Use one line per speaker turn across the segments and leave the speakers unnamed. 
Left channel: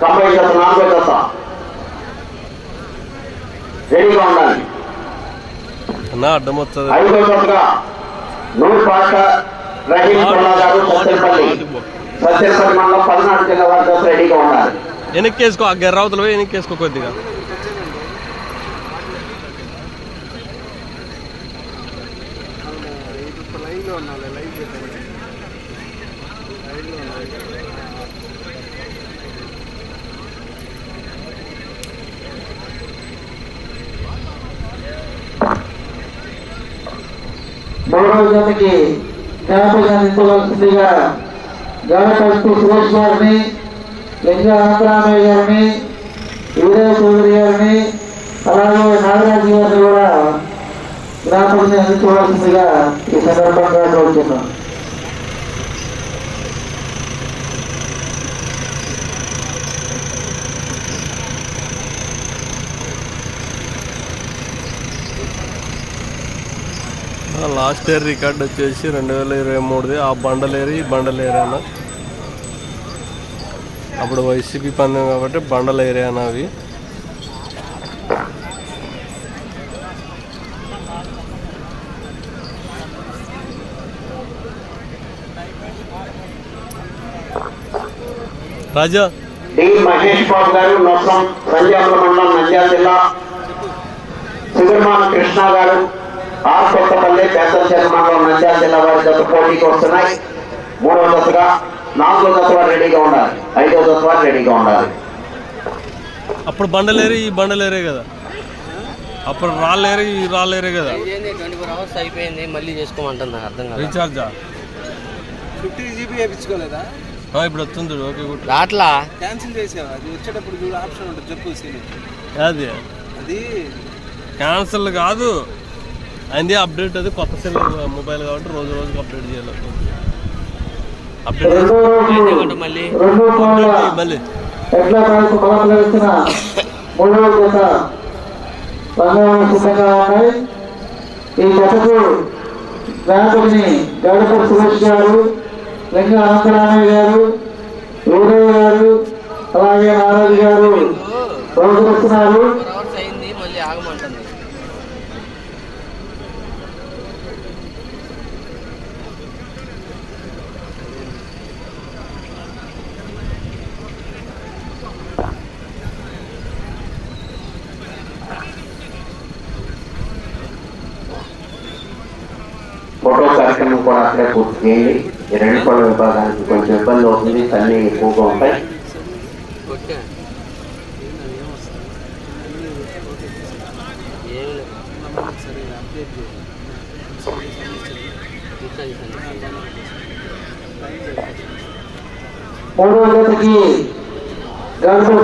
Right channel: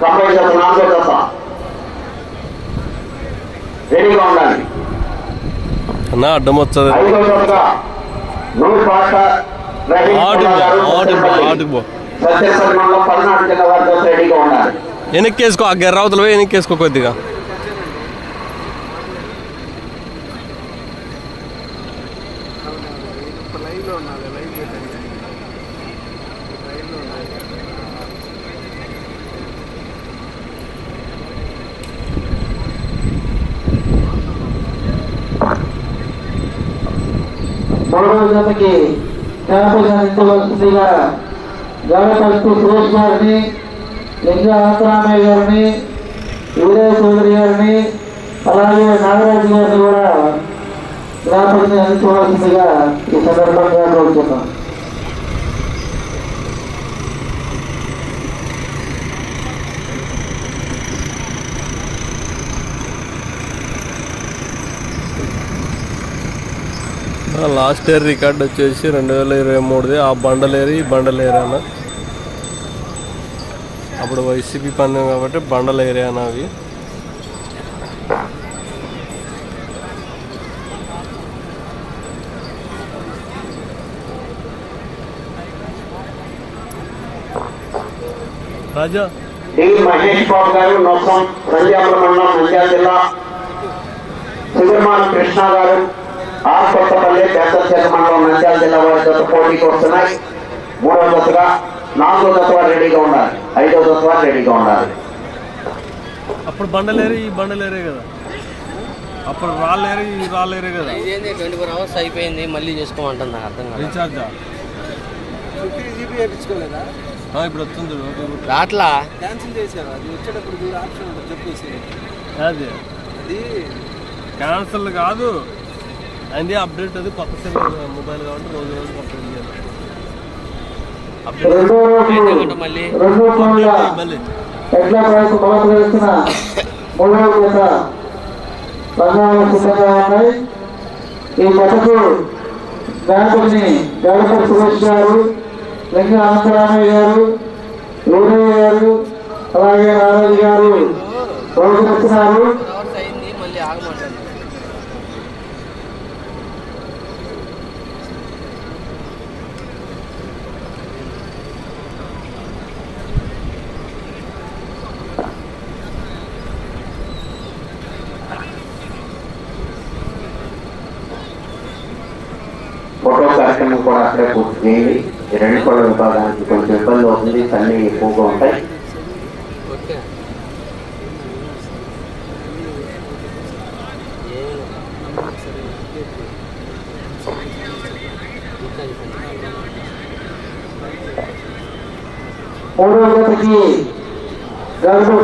తొంభై జత నాలుగో జత రెడీగా ఉండాలి
అన్న అడ్డం వచ్చదు.
ఐదో జతగా నూరు పాట రహీం కుమార్ గారు సత్యపల్లి. సత్యపల్లి మండలం పల్నాడు జిల్లా వారి జత రెడీగా ఉండాలి.
వెనక్కి వేసుకో ఆ గెర్రవతలు కొద్దిగా.
మూడవ జతకి క్యాంపులు అందించవలసిందిగా సురేష్ గారిని లింగ అనంతరామయ్య గారిని వీరయ్య చౌదరి గారిని అలాగే నాగరాజు గారిని కూడా జ్ఞాపకం అందుకోవాల్సిందిగా ఈ సందర్భంగా కోరుతున్నాం
లాస్ట్ ఇయర్ రికార్డ్ వచ్చేసి రెండు వేల ఇరవై మూడుది. ఆ బండలేరు ఈ బండలేరు అన్న. అప్పుడు వైసీపీ పందెం కాబట్టి బండల ఏరియా అన్న అవి. రాజా.
డి మహేష్ బాబు గారు నొసం సంజాపురం మండలం నంద్యాల జిల్లా. సుబ్రహ్మణ్య కృష్ణ గారు ఆర్ కొత్తపల్లి పెద్దచేత మండలం నంద్యాల జిల్లా వారి జత పోటీకి వస్తున్నాయి మూడో దశగా నాలుగో దశ రెడీగా ఉండాలి. ఐదో దశ రెడీగా ఉండాలి.
అప్పుడు బండలేరు ఈ బండలేరే కదా. అప్పుడు రాళ్ళేరు ఈ రాళ్ళేరే కదా.
ట్వంటీ ఫోర్ అవర్స్ అయిపోయింది మళ్ళీ చేసుకోమంటాను నాకు అర్థం కాదు
రీఛార్జా?
Fifty GB వేయించుకోలేదా?
ఇప్పుడు వస్తుంది.
రాట్లా?
క్యాన్సిల్ చేసాను అది వచ్చేటప్పుడు ఆప్షన్ ఉంటుంది చెప్పు సీని
అది
అది
క్యాన్సిల్ కాదు. అయింది అప్డేట్ అది కొత్త సెల్ మొబైల్ కాబట్టి రోజు రోజు అప్డేట్ చేయాలి. అప్డేట్
రోజు
మళ్ళీ.
ఈ సురేష్ గారు లింగ అనంతరామయ్య గారు గారు అలాగే నారాజు గారు రోజుస్తున్నారు
ఫోర్ అవర్స్ అయింది మళ్ళీ ఆగమంటాను
ఫోటో కార్యక్రమం కూడా అక్కడే రెండు కోళ్ళ విభాగానికి కొంచెం ఇబ్బంది అవుతుంది తల్లి ఎక్కువగా ఉంటాయి.
ఓకే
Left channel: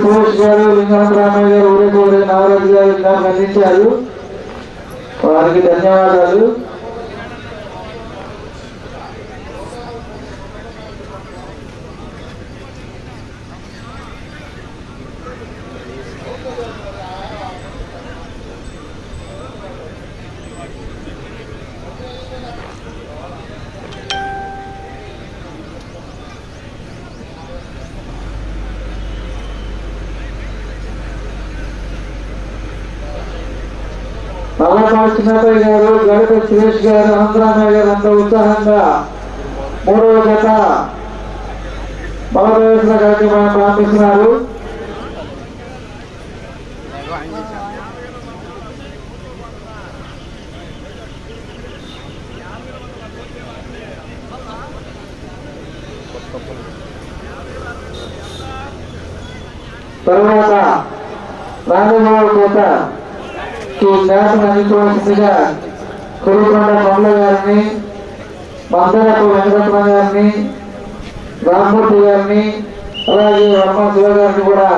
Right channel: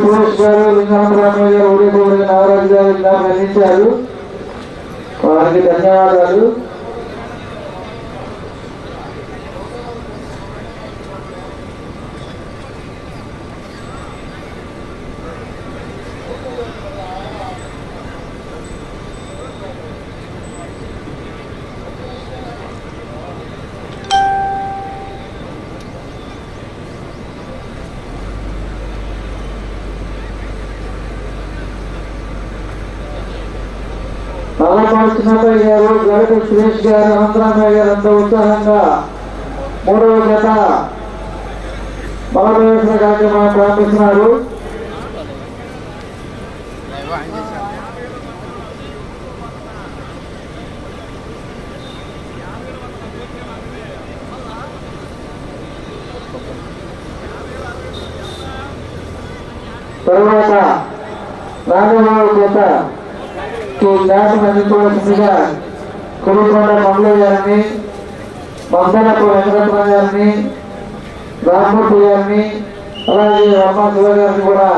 సురేష్ గారు గారు నారాజు గారు అందించారు. వారికి ధన్యవాదాలు. నల్లపాటి గారు గణపతి సురేష్ గారు అనంతరామయ్య గారు అంత ఉత్సాహంగా మూడవ జత భారతదేశ కార్యక్రమాన్ని ప్రారంభిస్తున్నారు ఈ జ్ఞాపకం అందించవలసిందిగా కురుపాడ మల్లయ్య గారిని మందరపు వెంకటరత్న గారిని రామ్మూర్తి గారిని అలాగే వర్మ శివ గారిని కూడా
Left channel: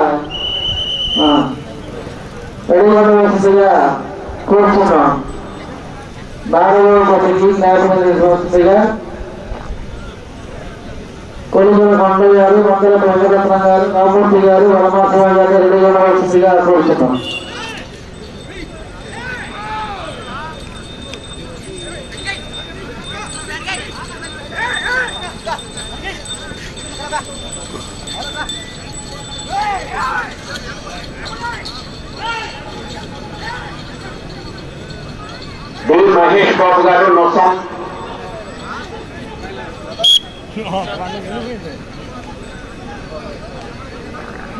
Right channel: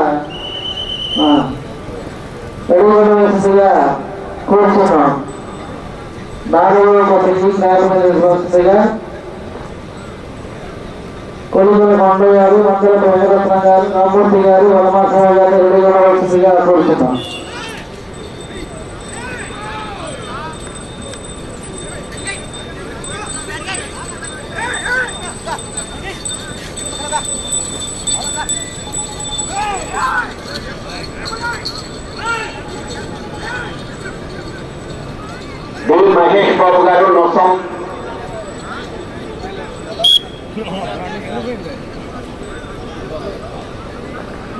ఎడవలసిందిగా కోరుతున్నాం నాలుగవ ఒకటి జ్ఞాపకం అందించవలసిందిగా కొలుగుల మండలి గారు మందరపు వెంకటరత్న గారు రామ్మూర్తి గారు వర్మ గారు గారిని ఎడవలసిందిగా కోరుతున్నాం
డి మహేష్ బాబు గారు నొసం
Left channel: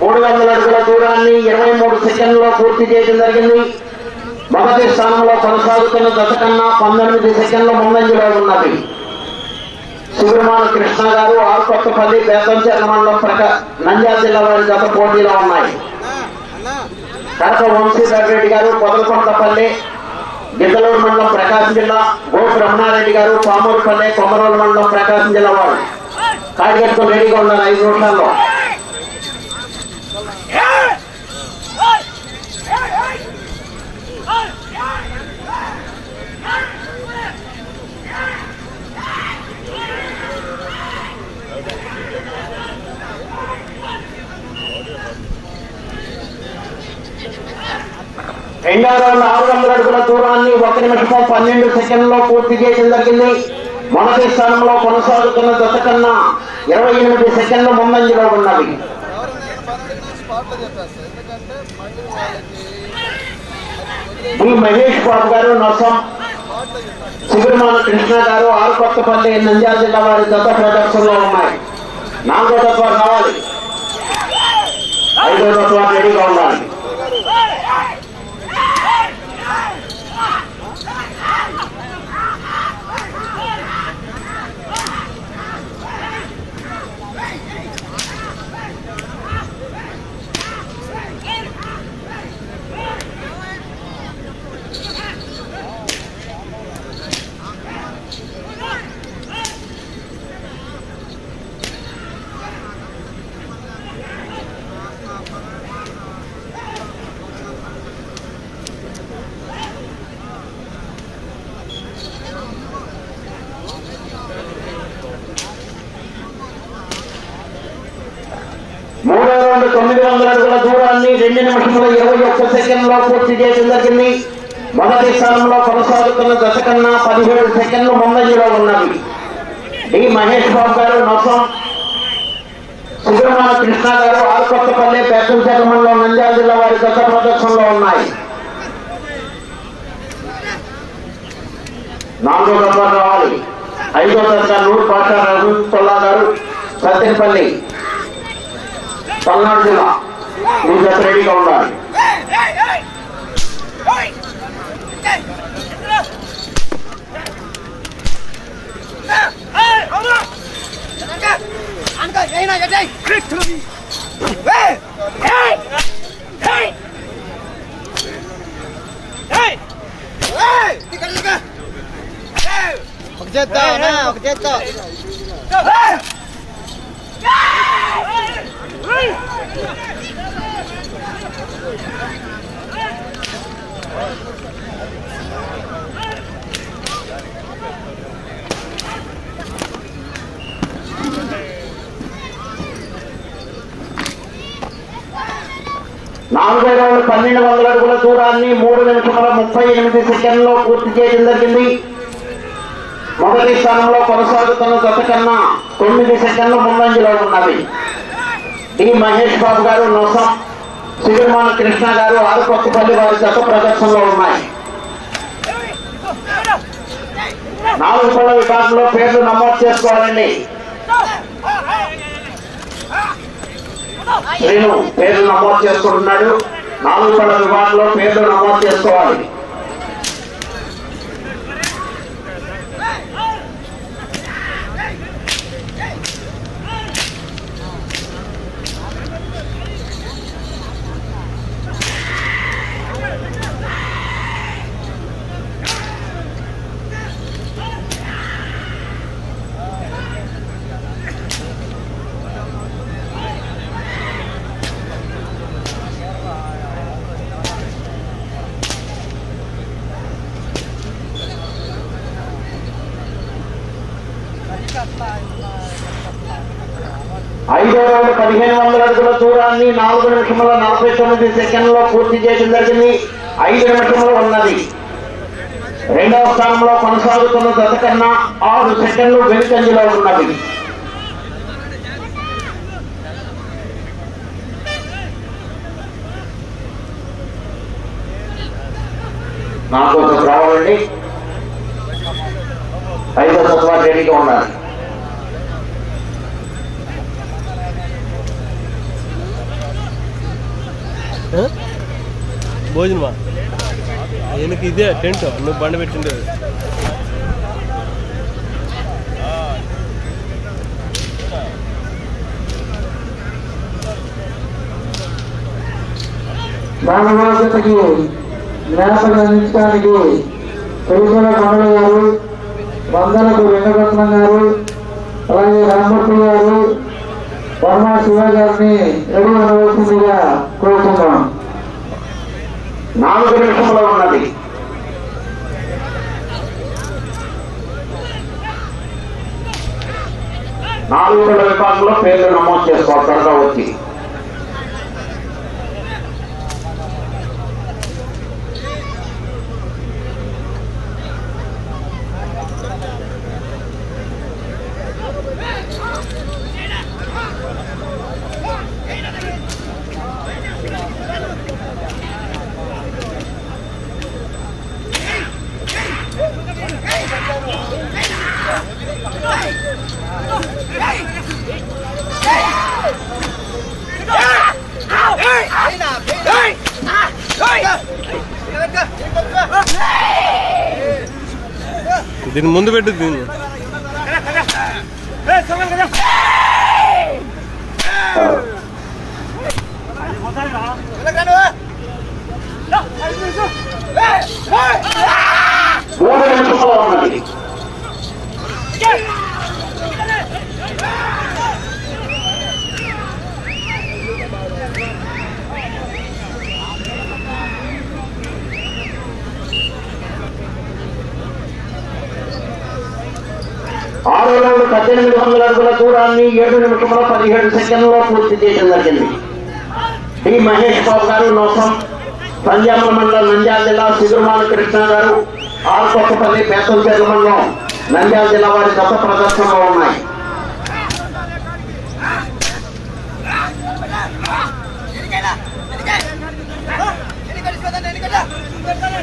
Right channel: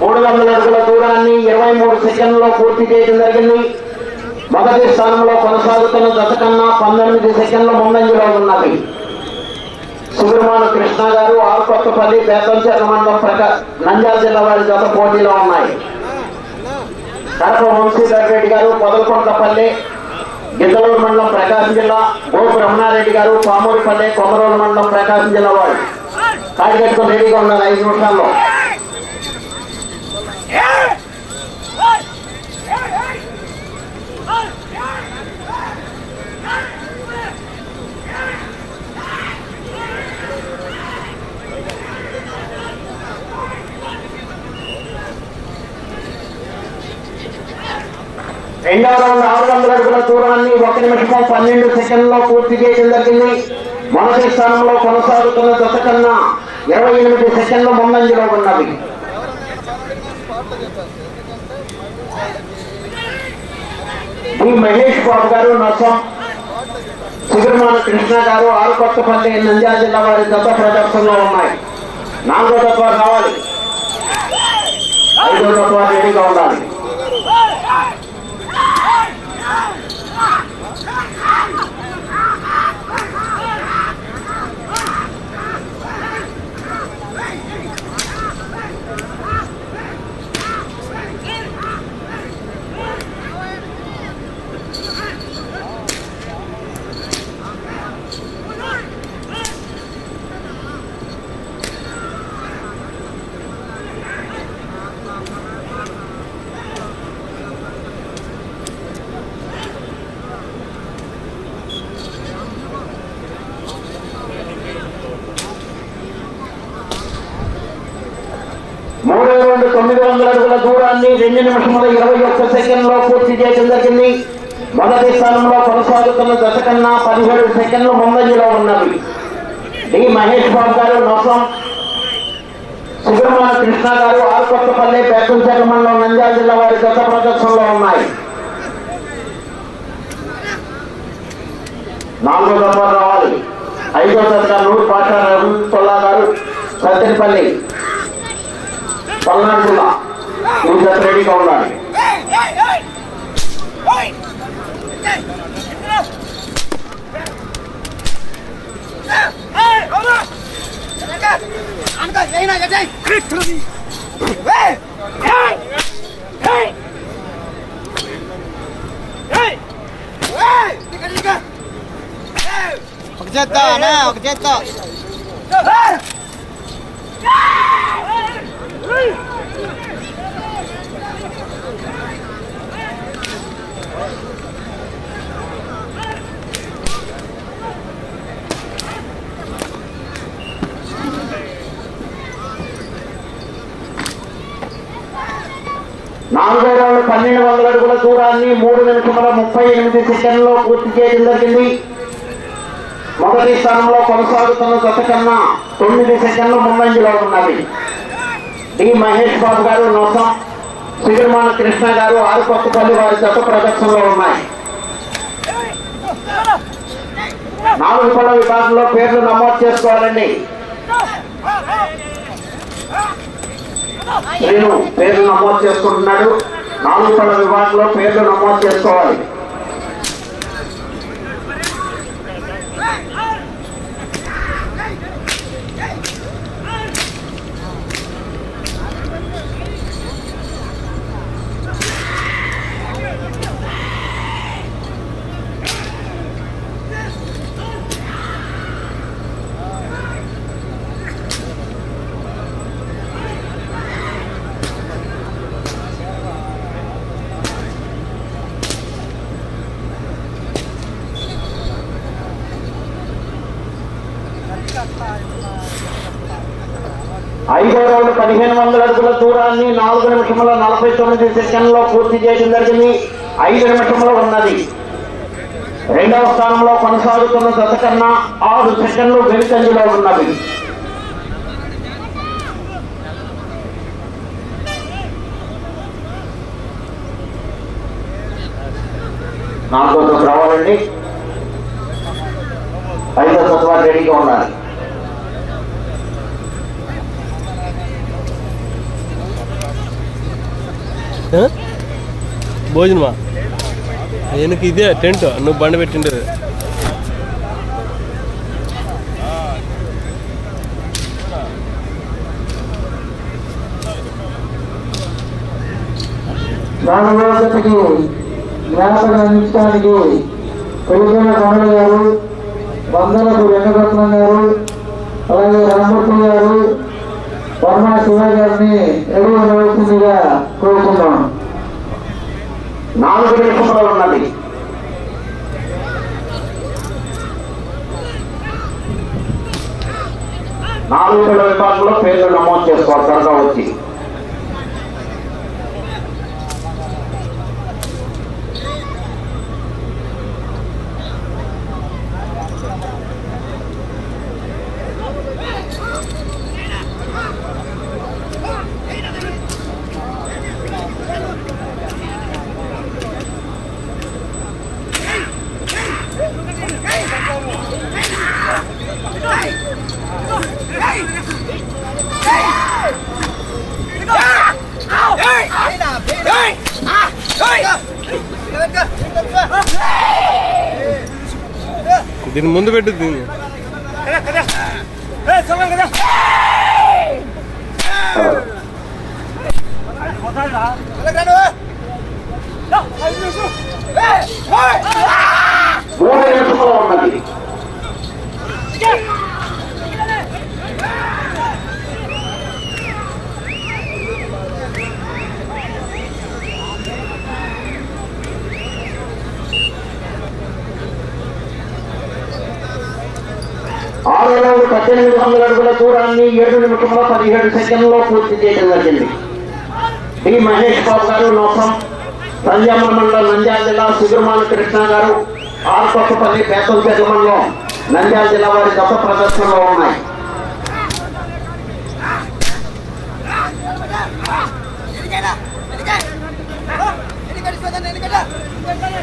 మూడు వందల అడుగుల దూరాన్ని ఇరవై మూడు సెకండ్లో పూర్తి చేయడం జరిగింది. మొదటి స్థానంలో కొనసాగుతున్న దశ కన్నా పంతొమ్మిది సెకండ్ల ముందంజలో ఉన్నది. సుబ్రహ్మణ్య కృష్ణ గారు ఆల్కొత్తపల్లి బేతంచెర మండలం ప్రకా నంద్యాల జిల్లా వారి జత పోటీలో ఉన్నాయి. కడప వంశీధర్ రెడ్డి గారు పొదలకొండపల్లి గిద్దలూరు మండలం ప్రకాశం జిల్లా గో బ్రహ్మారెడ్డి గారు పామూరుపల్లి కొమరూరు మండలం ప్రకాశం జిల్లా వారు. కాడి రెడీగా ఉన్నారు ఐదు నిమిషాల్లో. రెండవ ఆవరణ గడుపుల దూరాన్ని ఒక నిమిషం పన్నెండు సెకండ్లో పూర్తి చేయడం జరిగింది. మొదటి స్థానంలో కొనసాగుతున్న దశ కన్నా ఇరవై ఎనిమిది సెకండ్ల ముందంజలో ఉన్నవి. డి మహేష్ బాబు గారు నొసం సుబ్రహ్మణ్య కృష్ణ గారు ఆరుకొత్తపల్లి నంద్యాల జిల్లా వారి దశ ప్రదర్శనలో ఉన్నాయి. నాలుగో తత్వాలు కావాలి ఐదో తత్వాలు రెడీగా ఉండాలి. మూడో తొమ్మిది వందల అడుగుల దూరాన్ని రెండు నిమిషముల ఇరవై ఒక్క సెకండ్లో పూర్తి చేయడం జరిగింది. మొదటి స్థానంలో కొనసాగుతున్న దశ కన్నా పదిహేడు సెకండ్లు ముందంజలో ఉన్నవి. డి. మహేష్ బాబు గారు మొత్తం సుబ్రహ్మణ్య కృష్ణ గారు ఆల్కొత్తపల్లి పెద్దల మండలం నంద్యాల జిల్లా వారి దశ ప్రదర్శనలో ఉన్నాయి. నాలుగో దఫా రావాలి. ఐదో దశ నూరు పాషా తొల్లా గారు సత్యపల్లి. పల్నాడు జిల్లా ఈ జత రెడీగా ఉండాలి
ఒక చేత్తో అన్నా ఒక చేత్తో
నాలుగో రౌండ్ పన్నెండు వందల అడుగుల దూరాన్ని మూడు నిమిషముల ముప్పై ఎనిమిది సెకండ్లో పూర్తి చేయడం జరిగింది. మొదటి స్థానంలో కొనసాగుతున్న గత కన్నా తొమ్మిది సెకండ్ల ముందంజలో ఉన్నది. డి మహేష్ బాబు గారు నొసం సుగర్మాన కృష్ణ గారు ఆరుకొత్తపల్లి వారి గత ప్రదర్శనలో ఉన్నాయి. నాలుగు పళ్ళ విభాగంలో పేర్లు నమోదు చేసుకోవాలండి. శ్రీను పేర్లు నమోదు చేసుకుంటున్నాడు. నాలుగు పళ్ళ విభాగంలో పేర్లు నమోదు చేసుకోవాలి. పదిహేను వందల అడుగుల దూరాన్ని నాలుగు నిమిషముల నలభై తొమ్మిది సెకండ్లో పూర్తి చేయడం జరిగింది. ఐదు నిమిషములు ఉన్నది. రెండవ స్థానంలో కొనసాగుతున్న దశ కన్నా ఆరు సెకండ్లు వెనుకంజలో ఉన్నవి. నాకోసం రావాలండి ఐదో సత్వాలు రెడీగా
ఉన్నారు భోజనమా? ఆయనకి ఇదే టెంట్? నువ్వు బండి పెట్టిండేది.
నాలుగోకి జ్ఞాపకం అందించడానికి కొండ గారు వెంకటరత్నం గారు అలాగే రామూర్తి గారు వర్మ శివ గారిని రెడీ కోరుకున్నాం
నాలుగు నిమిషంలో ఉన్నది నాలుగు వేల పేర్లు నమోదు చేసుకోవాలి త్వరగా వచ్చి.
దీని ముందు పెట్టు దీన్ని
మూడు నిమిషంలో ఉన్నది ఆరు మూడు పద్దెనిమిది వందల అడుగుల దూరాన్ని ఏడు నిమిషంలో పదిహేడు సెకండ్లో పూర్తి చేయడం జరిగింది ఈ మహేష్ బాబు గారు లోపం సంజామ మండలం నంద్యాల జిల్లా సుబ్రహ్మణ్య కృష్ణ గారు ఆర్పక్కపల్లి బేతం మండలం నంద్యాల జిల్లా వారి గత ప్రదర్శనలో ఉన్నాయి రెండు నిమిషంలో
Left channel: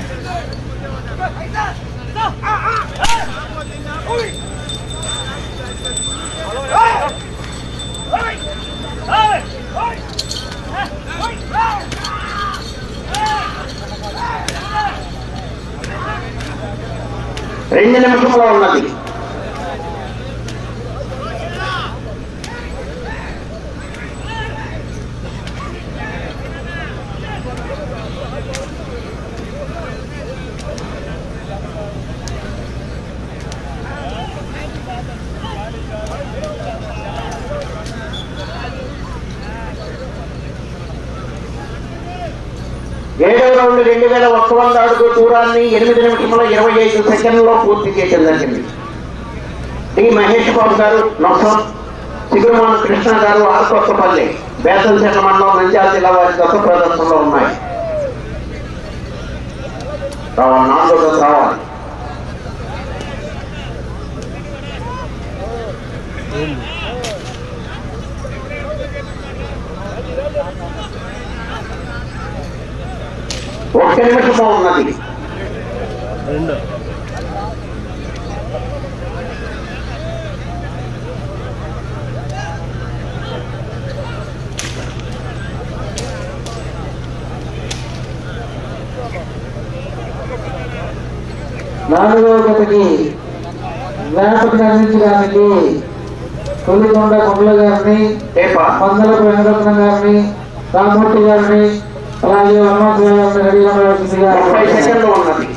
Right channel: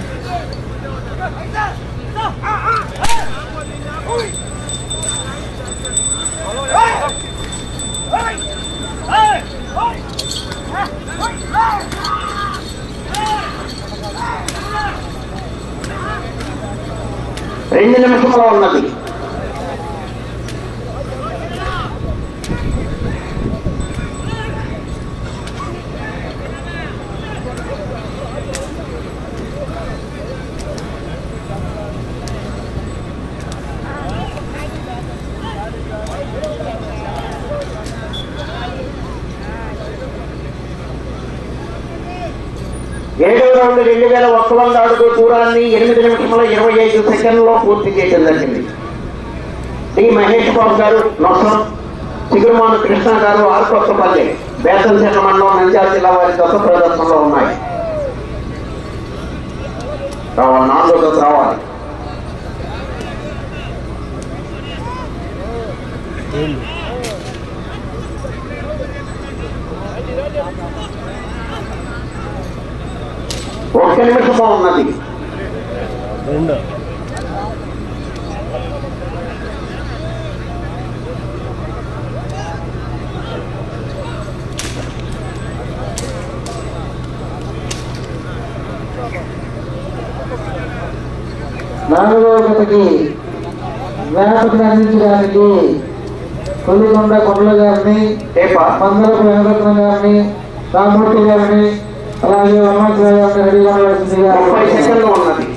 ఉన్నది ఏడవ రౌండ్ రెండు వేల ఒక్క వంద అడుగు దూరాన్ని ఎనిమిది నిమిషముల ఇరవై ఐదు సెకండ్లో పూర్తి చేయడం జరిగింది. డి మహేష్ బాబు గారు నొసం. సిగురుమాను కృష్ణ గారు ఆర్కొత్తపల్లి బేతం చెట్ల మండలం నంద్యాల జిల్లా వారి గత ప్రదర్శనలో ఉన్నాయి. రావాలి నాలుగో రావాలి
ఏంది
ఒక్క నిమిషంలో ఉన్నది
నాలుగవ గతకి జ్ఞాపకం అందించడానికి కొల్లికొండ కొండల గారిని పందలపు వెంకటరత్నం గారిని రామూర్తి గారిని అలాగే హనుమంతరావు గారిని రెడీ ఉండవలసిందిగా
ముప్పై సెకండ్లు ఉన్నది.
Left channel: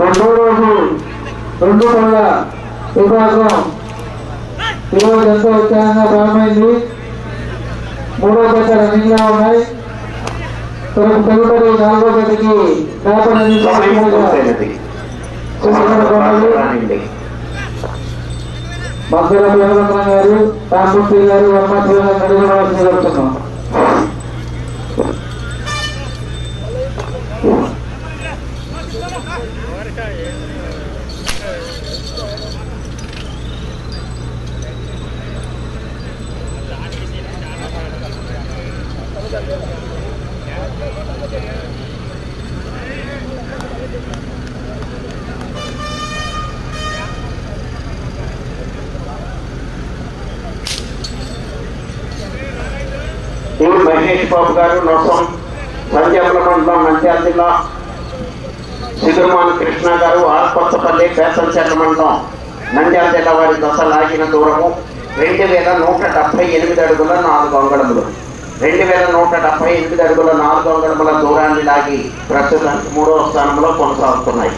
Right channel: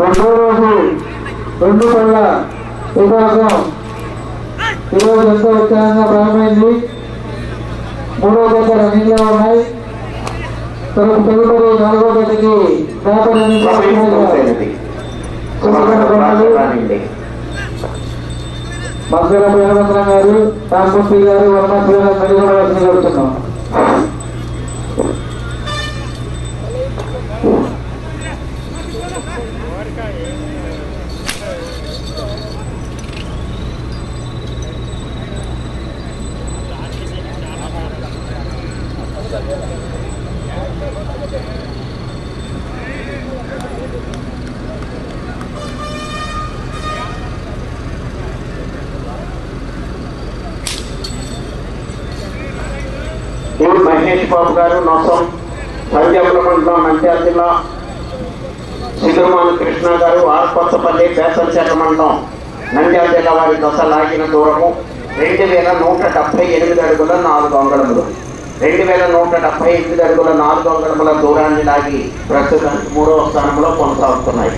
రెండో రోజు రెండు పళ్ళ విభాగం ఈరోజు ఎంతో ఉత్సాహంగా ప్రారంభమైంది. మూడో జత రన్నింగ్గా ఉన్నాయి. తనకు తదుపరి నాలుగో
రానండి.
మధ్యల వీరభద్రం గారు రామూర్తి గారు గారు మెరుగుపడవలసింది కోరుతున్నాం.
దేవుడు మహేష్ బాబు గారు నొసం సంజయపురం మండలం జిల్లా సిద్ధుమాన్ కృష్ణ గారు ఆర్కొత్తపల్లి పేసంచెర్ల మండలం నంద్యాల జిల్లా వారి దశ లాగిన దూరము రెండు వేల నూట డెబ్బై ఎనిమిది అడుగుల నాలుగు అంగళములు. రెండు వేల నూట డెబ్బై ఎనిమిది అడుగుల నాలుగు అంగళముల దూరాన్ని లాగి ప్రస్తుతానికి మూడవ స్థానంలో కొనసాగుతున్నాయి.